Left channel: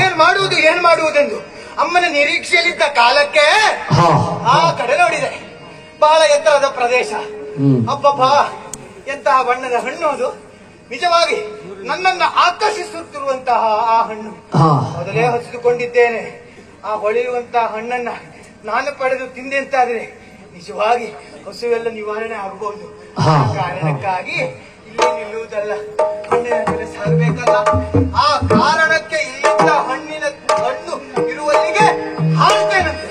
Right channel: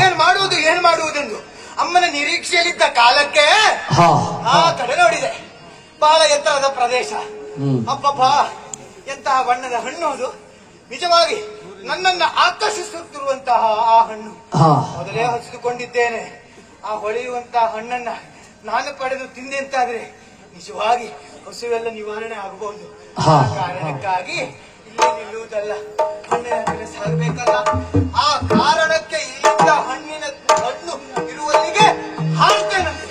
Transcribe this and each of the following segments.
ಏನ್ ಮಾಡುವುದೆಂದು ಅಮ್ಮನ ನಿರೀಕ್ಷೆಯಲ್ಲಿದ್ದ ಕಾಲಕ್ಕೆ ಆ ಕಡೆ ನೋಡಿದೆ. ಬಹಳ ಎತ್ತರದ ಪ್ರದೇಶ. ಅಬ್ಬಬ್ಬ, ಎಂತಹ ಬಣ್ಣದ ಹಣ್ಣು ಅದು! ನಿಜವಾಗಿ ನನ್ನನ್ನ ಆಕರ್ಷಿಸುತ್ತಿರುವಂತಹ ಆ ಹಣ್ಣು ಮೊದಲೇ ಹಚ್ಚಿಕೊಂಡಿದ್ದೇನೆ. ಆ ಹೊಳೆಯುವಂತಹ ಹಣ್ಣನ್ನ ನಾನು ಪಡೆದು ತಿಂದೆ ಅಂತಾದ್ರೆ ನಿಜವಾಗಿ ಹಸುವೆಲ್ಲ ನಿವಾರಣೆ ಆಗಬಹುದು. ಆ ಕಾರಣಕ್ಕಾಗಿ ಇಲ್ಲಿ ನಿಲ್ಲುವುದಲ್ಲ, ಹಣ್ಣಿನ ಸಾಗಬೇಕಲ್ಲ. ಆ ಕಾರಣಕ್ಕೆ ಇಲ್ಲಿಂದ ಹಣ್ಣು ಇರುವಲ್ಲಿಗೆ ಹಾರುತ್ತೇನಂತೆ.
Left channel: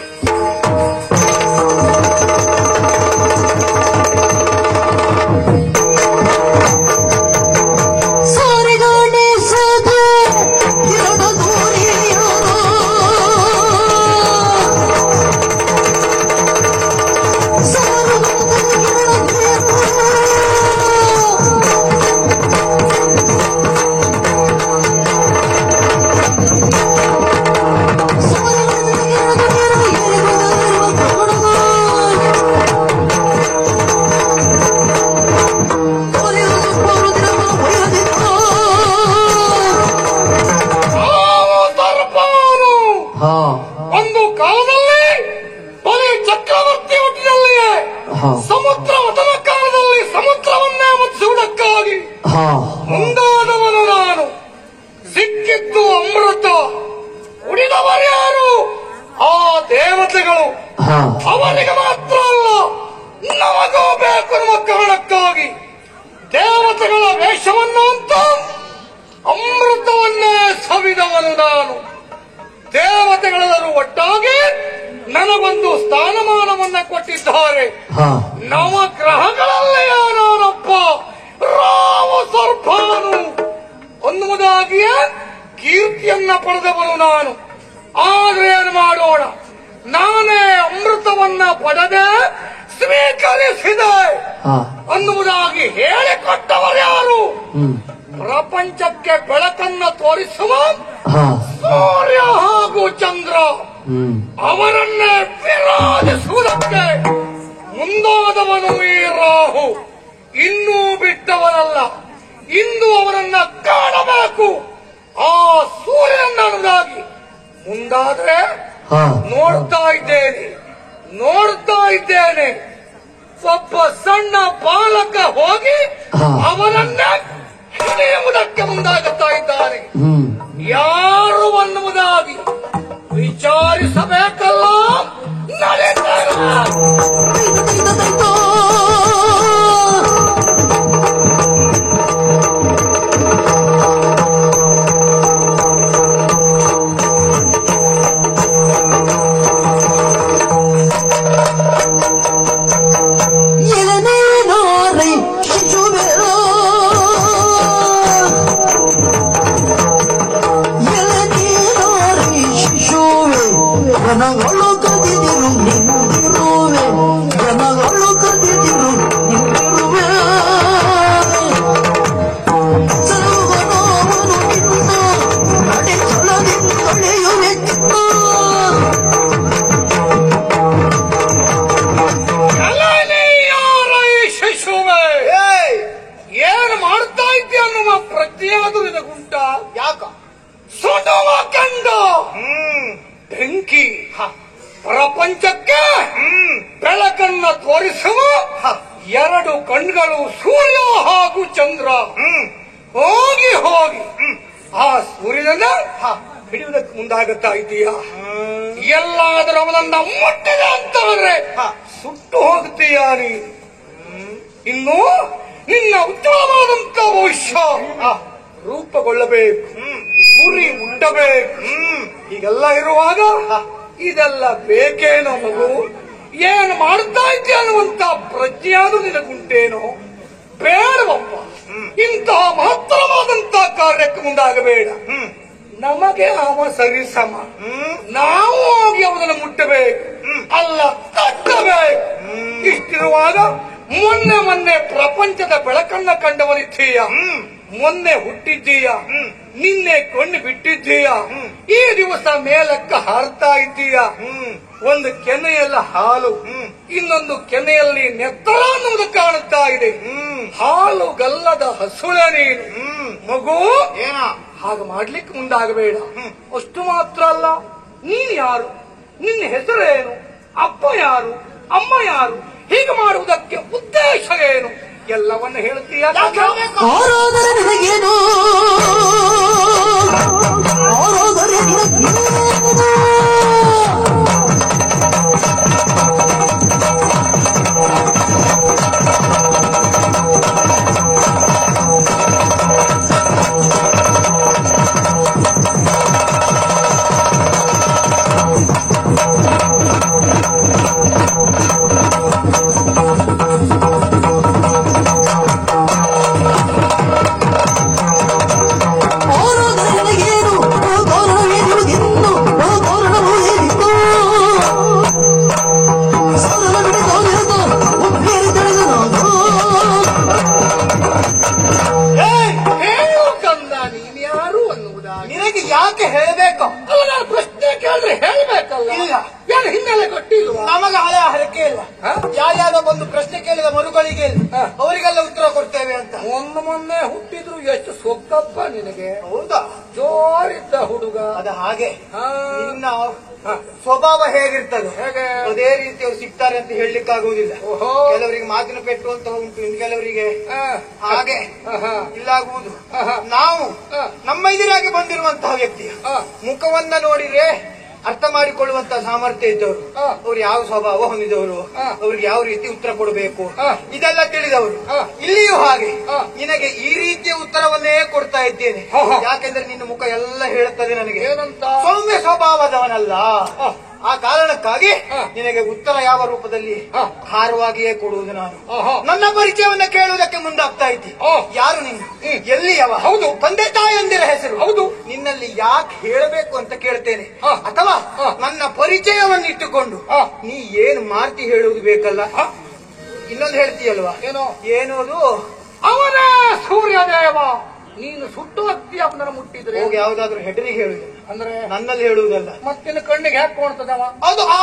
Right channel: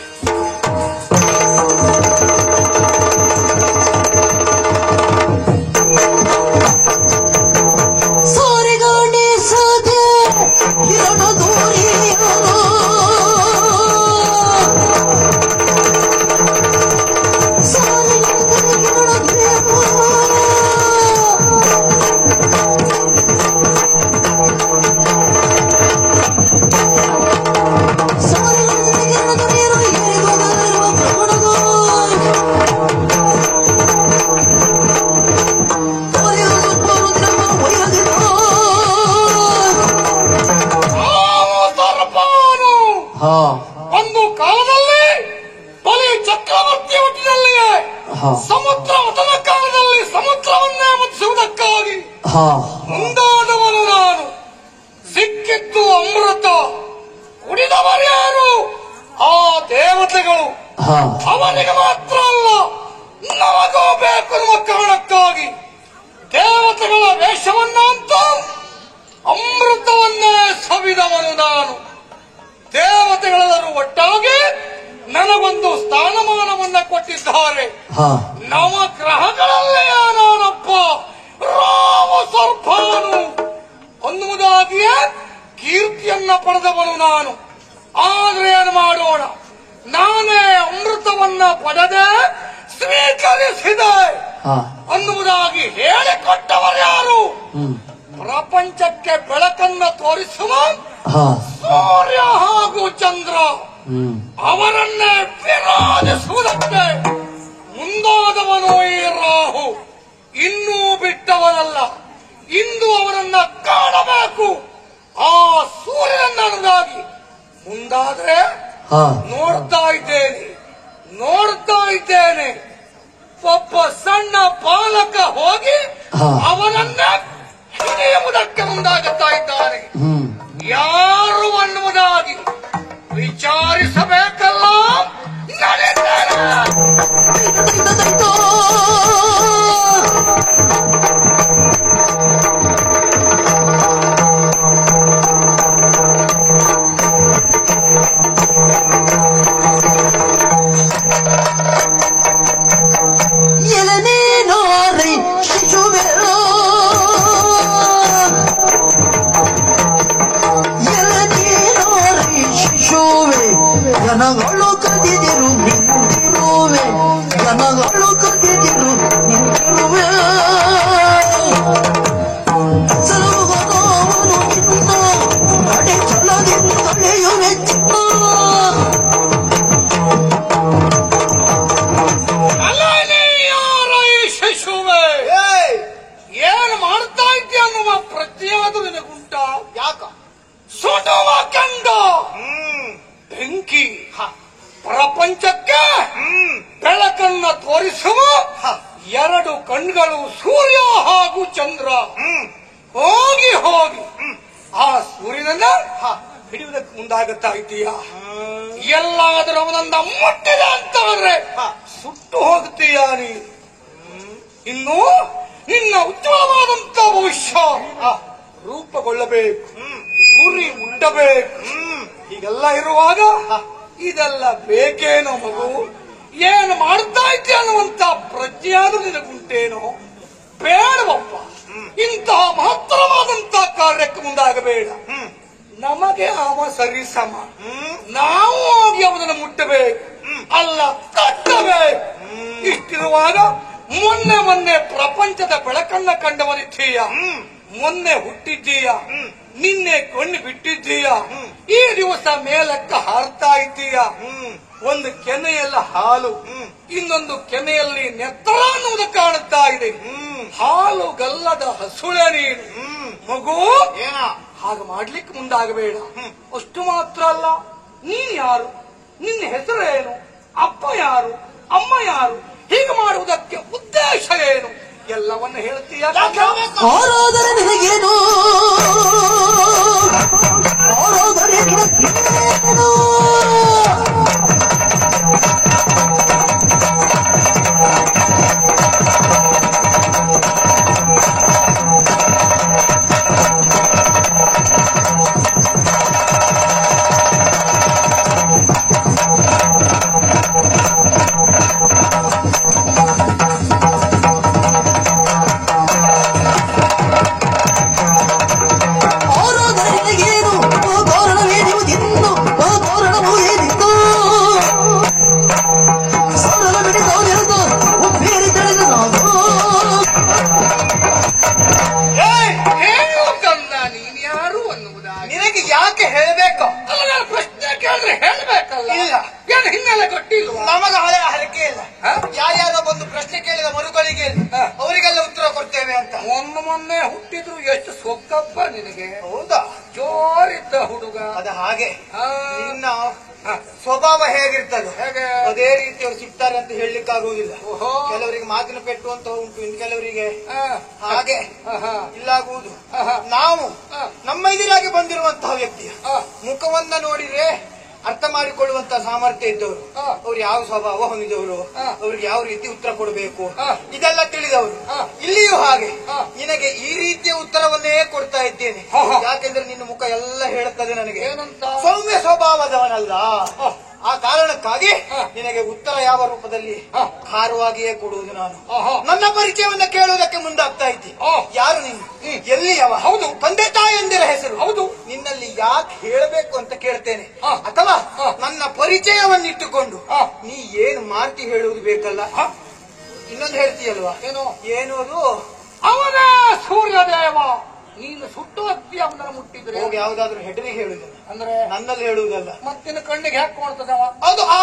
ಸಮುದ್ರ ಮತನ ಕಾಲದಲ್ಲಿ ಸಮುದ್ರವನ್ನೇ ಮುಚ್ಚಿಸುವುದಕ್ಕಾಗಿ ಮುಂದಾದವನು ನಾನು. ಸಿಕ್ಕಿದ್ದು ಅಮೃತ, ಉಳಿದವರ್ಯಾರು? ಆ ದೇವತೆಗಳು. ಅವರಿಗೆ ಮಾತ್ರ ಅಲ್ಲ, ನಮಗೂ ಬೇಕು ಎನ್ನುವ ಕಾರಣಕ್ಕಾಗಿ ದೇವತೆಗಳ ವೇಷವನ್ನು ಅಂತ ಅಮೃತವನ್ನೇ ಸವಿದವನು ನಾನು. ದೇವತೆಗಳೆಲ್ಲರೂ ಒಟ್ಟಾಗಿ ನನಗೊಂದು ಸ್ಥಾನಮಾನವನ್ನ ಕೊಟ್ಟಿದ್ದಾರೆ. ನವಗ್ರಹಗಳಲ್ಲಿ ನಾನೊಬ್ಬ ರಾಮ ಸರ್ಪಾನು ಅನ್ನುವುದಾಗಿಯೇ ಕೀರ್ತಿಯನ್ನ ಪಡೆದವನು ನಾನು. ಆದ್ರೆ ಏನು ಮಾಡೋಣ, ನಾನೇ ಅಮೃತವನ್ನ ಪಡೆದೆ ಸ್ವೀಕರಿಸಿದೆ ಅನ್ನುವುದಾಗಿ ಹೇಳಿಕೊಟ್ಟವರ್ಯಾರು? ಪ್ರಪಂಚಕ್ಕೆ ಬೆಳಕನ್ನ ತೋರಿಸುವ ಸೂರ್ಯ ಹಾಗೂ ಚಂದ್ರ. ಅವರನ್ನೇ ವಿರಾಜಿಸುವುದಕ್ಕೆ ಮುಂದಾದವನು ಈ ರಾಹು. ಇನ್ನೂ ಬಿಟ್ಟವರಲ್ಲ, ಇಂದು ಅವರನ್ನ ಕಾಣಬೇಕು. ಆ ಸೂರ್ಯನನ್ನಾಗಿ ಮುಂದಾದ್ರೆ ನೋಡ್ತಾ ಇದ್ದೇನೆ. ಸ್ವಲ್ಪ ಸಣ್ಣ ಬಾಲಕ ಹೋಗಿ ಅವನನ್ನ ಹಿಡಿಯುವುದಕ್ಕೆ ಮುಂದಾಗುತ್ತಾ ಇದ್ದಾನೆ. ಯಾರು ಅನ್ನುವುದಾಗಿ ವಿಚಾರಿಸಬೇಕಲ್ಲ. ಬೆಂಕಿ ಪ್ರಪಂಚಕ್ಕೆ ಬೆಳಕನ್ನ ತೋರಿಸುವ ಎರಡು ಕಣ್ಗಳು ಸೂರ್ಯ ಹಾಗೂ ಚಂದ್ರ. ಹೋಗಿ ಆ ಸೂರ್ಯನನ್ನ ಹಿಡಿಯುವುದಕ್ಕೆ ಮುಂದಾಗುತ್ತಾ ಇದೀಯ. ಎಲ್ಲಾದರೂ ಅವನನ್ನ ಮುಟ್ಟಿದೆ ಅಂತಂದ್ರೆ ಸುಟ್ಟು ಹೋಗುತ್ತೀಯ ನೀ. ಇನ್ನು ನಿನ್ನ ಉತ್ತಮವಾದಂತ ಭವಿಷ್ಯ ರೂಪುಗೊಳ್ಳಬೇಕು, ಗುರಿ ಮುಟ್ಟಬೇಕು. ಹೀಗೆಲ್ಲ ಇರುವಾಗ ಇದೆಲ್ಲ ಬೇಕೇನೋ ಮಗು? ಏನು ಮಾಡ್ತಾ ಇದ್ದೆ ಅನ್ನುವಂತ ಪ್ರಜ್ಞೆಯಾದ್ರೂ ನಿನಗುಂಟೇನೋ? ಬೇಡವಪ್ಪ, ಇಂತಹ ಮಹತ್ತರವಾದಂತ ಕಾರ್ಯಕ್ಕೆ ಮುಂದಾಗಬೇಡ. ನಮಗೆ ಅವ ಸರಿಸಮ, ನಾವು ಆಗಿ ಅವನನ್ನು ಮುಟ್ಟಬೇಕು, ಅಲ್ಲ ತಟ್ಟಬೇಕು. ಇಷ್ಟಿರುವಾಗ ಮೊನ್ನೆ ಪ್ರಪಂಚದ ಬೆಳಕನ್ನ ಕಂಡವರಿದ್ದೀಯ. ಮೊನ್ನೆ ಹುಟ್ಟಿದ್ದೀಯ, ನಿನ್ನೆ ಕೊಂಡು ಬಿಟ್ಟಿದ್ದೀಯ, ಈ ದಿವಸ ಮೇಲಕ್ಕೆ ಹಾರ್ತಾ ಇದ್ದೀಯ. ಒಂದು ಕೆನೆಯಲ್ಲ ಹಾಲು, ಇನ್ನೊಂದು ಕೆನೆಯಲ್ಲಿ ನೆತ್ರ ಅನ್ನೋದು ಕಾಣುತ್ತಾ ಇದೆ. ಹಾಲು ಗಲ್ಲದ ಹಸುಳೆ ನೀನು ಮಗು. ಹಾಗೆ ಮಾಡ್ಲಿಕ್ಕೆ ಮುಂದಾಗಬೇಡ. ಅಷ್ಟು ಮಾತ್ರ ಅಲ್ಲ, ನೀನ್ ಯಾರು, ನಿನ್ನ ಹೆಸರೇನು, ಅಪ್ಪ ಯಾರು, ಅಮ್ಮ ಯಾರು, ಹೀಗೆ ಮಾಡುವುದಕ್ಕೆ ಉದ್ದೇಶ ಏನು ಎಲ್ಲವನ್ನು ಹೇಳ್ತೀಯ. ಪ್ರಶ್ನೆ ಕೇಳಿದ ಮರುಗಳಿಗೆ ಅವರಿಗೆಲ್ಲ ಉತ್ತರ ಕೊಡ್ತೇವೆ ಅಂತ. ಮೊನ್ನೆ ಹುಟ್ಟಿದ್ರು ಎಷ್ಟು ಸೊಕ್ಕಪ್ಪ ನಿನಗೆ. ಹೌದಾ? ಜೋರಿದ್ದ ಹುಡುಗ. ಅದು ಹಾಗೆ. ನಿನ್ನ ಸ್ವಭಾವ ಹೇಗಿರ್ತದೆ ಅದೇ ರೀತಿ ಅವ್ರು ಸಿಗ್ತಾರೆ ಅಂತ ಹೇಳಲಿಕ್ಕಾಗುವುದಿಲ್ಲ. ಕೆಲವರಿಗೆ ಮಾತಿನ ಪೆಟ್ಟು ಅಂತ ಉಂಟು, ಇನ್ನು ಕೆಲವರಿಗೆ ಹಾಗೆ ಇಲ್ಲಾಗುವುದು. ನಾವು ನಮ್ಮ ಎದುರಾಗಿ ಬಂದಿರುವಂತಹ ವ್ಯಕ್ತಿಯ ಮುಖವನ್ನ ನೋಡಿದ್ರೆ ಅರ್ಥ ಮಾಡಿಕೊಳ್ಳುವಂತಹ ಸಾಮರ್ಥ್ಯ ಇದ್ದವರು, ಅವ್ರು ಯಾವ ಸ್ವಭಾವ ಹೊಂದಿದವರು, ಅವ್ರಿಗೆ ಯಾವ ರೀತಿ ಉತ್ತರ ಕೊಡಬೇಕು ಇದೆಲ್ಲ ತಿಳಿದವರು. ಇಲ್ಲಿಯೂ ಹಾಗೆ ನಿನಗೆ ಈ ರೀತಿಯ ಉತ್ತರವನ್ನೇ ಕೊಡ್ತಾ ಇದ್ದೇನೆ. ಯಾಕೆಂದ್ರೆ ನಿನ್ನ ಮುಖ ಎಲ್ಲ ಹೇಳುತ್ತದೆ ನನಗೆ ಸೌಮ್ಯ ಸ್ವಭಾವದವನಲ್ಲ. ಆ ಕಾರಣಕ್ಕಾಗಿ ನಿನಗೆ ಉತ್ತರ ಯಾವ ರೂಪದಲ್ಲಿ ಖಾರವಾಗಿಯೇ ಕೊಡುವುದು. ನಾನು ನನ್ನ ಪರಿಚಯವನ್ನ ಕೇಳುವುದಕ್ಕೆ ಮುಂದಾಗ್ತಾ ಇದ್ದೆ. ಯಾರು ನೀನು, ಎಲ್ಲಿ ಯಾವ, ಹೌದು ತಂದೆ ತಾಯಿಯೊಂದಿರ ಹೆಸರು, ಹೌದು ನಿನ್ನಲ್ಲಿ ಯಾಕೆ ಹೇಳಬೇಕು ಅಂತ ಕೇಳ್ತೇನೆ. ಅಥವಾ ನನ್ನ ಪರಿಚಯವನ್ನಿಟ್ಟುಕೊಂಡು ನೀ ಏನು ಮಾರ್ತಿ ಹೇಳುವುದು ಬೇಕಲ್ಲ. ಇನ್ನೊಂದು ಹೇಳ್ತೀಯಲ್ವಾ, ಏನೋದು ಅವನೇ ಸೂರ್ಯದೇವ. ನೀನು ಸುಟ್ಟು ಹತ್ತಿ ಅವನನ್ನು ಮುಟ್ಟಿದ್ರೆ ಯಾವ್ದಾದ್ರು ಹೆಡರಿಗೆ ಹೇಳುದು ಅಂದ್ರೆ ನನ್ನಲ್ಲಿ ಹೇಳುವುದಲ್ಲ. ಮತ್ತಿನ ಕಣ್ಣಿಗೆ ಯಾಕೆ ಕೊಡ್ತದವ? ಅದು ಆ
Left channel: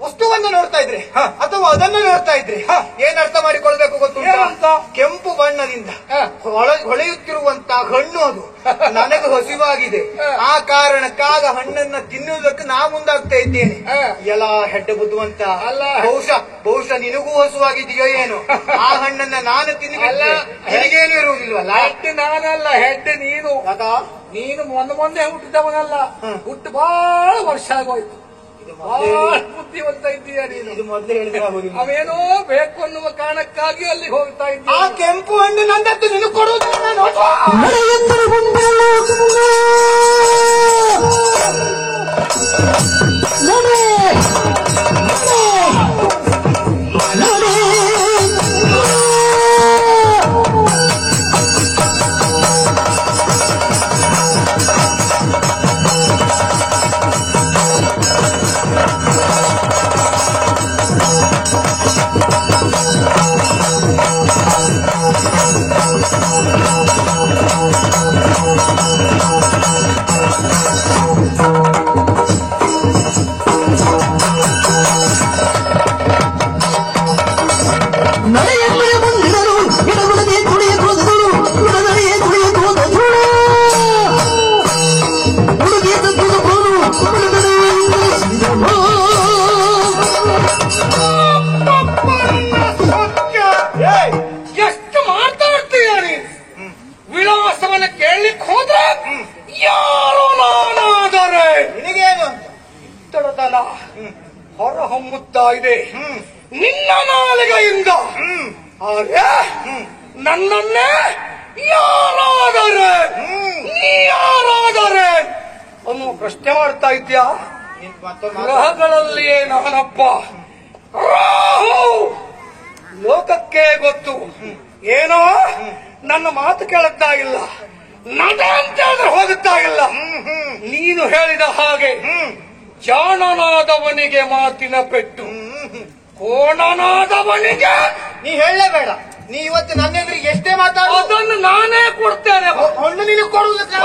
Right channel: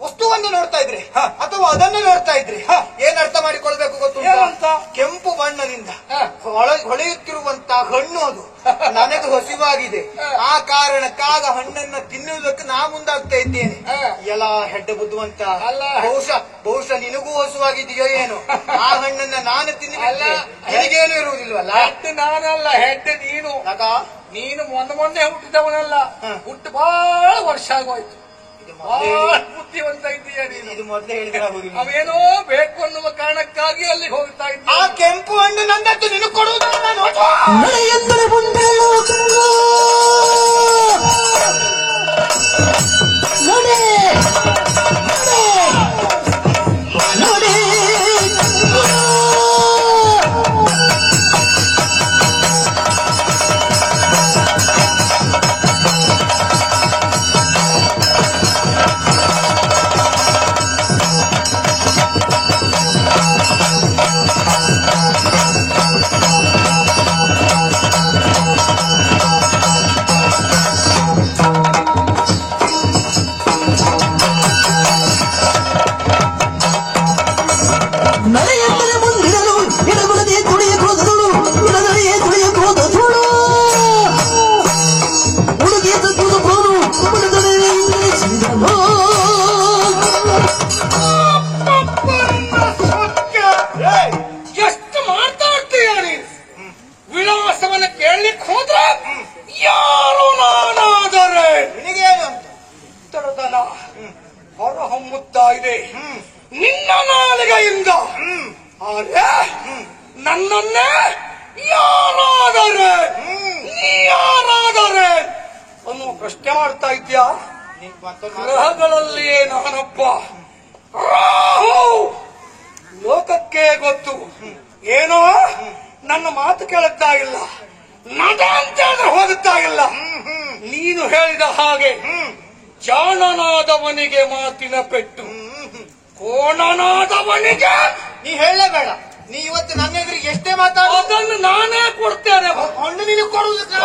ವಸ್ತುವನ್ನು ನೋಡ್ತಾ ಇದ್ರೆ ಅಥವಾ ಅದನ್ನು ನೋಡ್ತಾ ಇದ್ರೆ ಏನ್ ಅರ್ಥ ಮಾಡಿಕೊಳ್ಬೇಕು ಗೊತ್ತುಂಟು? ಕೆಂಪು ಬಣ್ಣದಿಂದ ಹೊಳೆಯುತ್ತಿರುವಂತಹ ಹಣ್ಣು ಅದು ನನಗೆ ಹಸಿವಾಗಿದೆ. ಆ ಕಾರಣಕ್ಕಾಗ ಹಣ್ಣನ್ನ ತಿನ್ನುವುದಕ್ಕೆ ನಾ ಮುಂದಾಗ್ತಾ ಇದ್ದೇನೆ. ಎಲ್ಲ ಹೆಡ್ಡ ಬುದ್ಧುವಂತ ಅಲ್ಲ. ಬಹುಶಃ ನಿನಗೂ ಹಸುವಾಗಿದೆಯೋ ಏನೋ. ಆ ಹಣ್ಣನ್ನ ನಾನು ತಿನ್ನಲ್ಲ, ನಿನಗೇನು ಇರುವುದಿಲ್ವಲ್ಲ. ಹೆಡ್ ನಾನಲ್ಲ, ಹೆಡ್ ನೀನು. ನೀನು ಮೊನ್ನೆ ಹುಟ್ಟಿದವನಲ್ಲ, ಹುಟ್ಟು ಬಹಳ ವರ್ಷ ಆಗೋಯ್ತು. ಬುದ್ಧಿವಂತ ಇದೆಯಾ ನೀನು? ಇದು ಮೊದಲೇ ಹೇಳಿದ್ರೆ ಅವೇನೋ ಬೇಕು ಅನ್ನುವ ಕಾರಣಕ್ಕಾಗಿ ಅಲ್ಲಿ ಹೋಗ್ತಾ ಇದ್ದೆ. ಆ ಕೆಂಪು ಹಣ್ಣು ನಂದತ್ತು ನಿನಗೆ ಕೊಡುವುದಿಲ್ಲ. ಎಷ್ಟು ಮಾತಾಡ್ತೀಯ ನೀನು? ವಿಳಾಸವನ್ನ ಕೇಳಲಿಕ್ಕೆ ಹೋದ್ರೆ ಯಾರು ನಾನಾದರೆ ನಿನಗೇನು ತಡದನ ಹೊರಹೊಮ್ಮುತ್ತಾ ಇದೆ ನಿನ್ನ ನಾಲಿಗೆಯಿಂದ. ನನ್ನನ್ನೇ ಯಾರಾದರೆ ಯಾರಾದರೆ ಅವನು ಪ್ರಶ್ನೆ ಮಾಡ್ತಾ ಇದ್ಯಾ? ಗ್ರಹಗಳಲ್ಲಿಯೇ ನಾನಪ್ಪ ರಾಹು. ಲೋಕಕ್ಕೆ ಗೊತ್ತು ಏನೋ ನನ್ನ ಮಾತು ಕೇಳುತ್ತಾ ಇಲ್ಲ, ನಟ ಅಂತ ಹೇಳಿದ್ರೆ ಹೋಗುತ್ತಾ ಇಲ್ಲ. ನೀನು ಹೇಳಿದ ಹಾಗೆ ಜಾಣನಾದವನಿಗೆ ಮಾತಿನ ಪೆಟ್ಟು, ಕೋಣನಾದವನಿಗೆ ನೀ ಹೇಳಲೇಬೇಡ. ನೀ ಇವತ್ತು ನನ್ನ ಎದುರಿಗೆ ಎಷ್ಟೇ ಮಾತಾಡೋದನ್ನು ನಾನೇ ಕೊಡ್ತೇನೆ. ಹಣ್ಣು ನೀನು ಕೊಡುವುದಕ್ಕೆ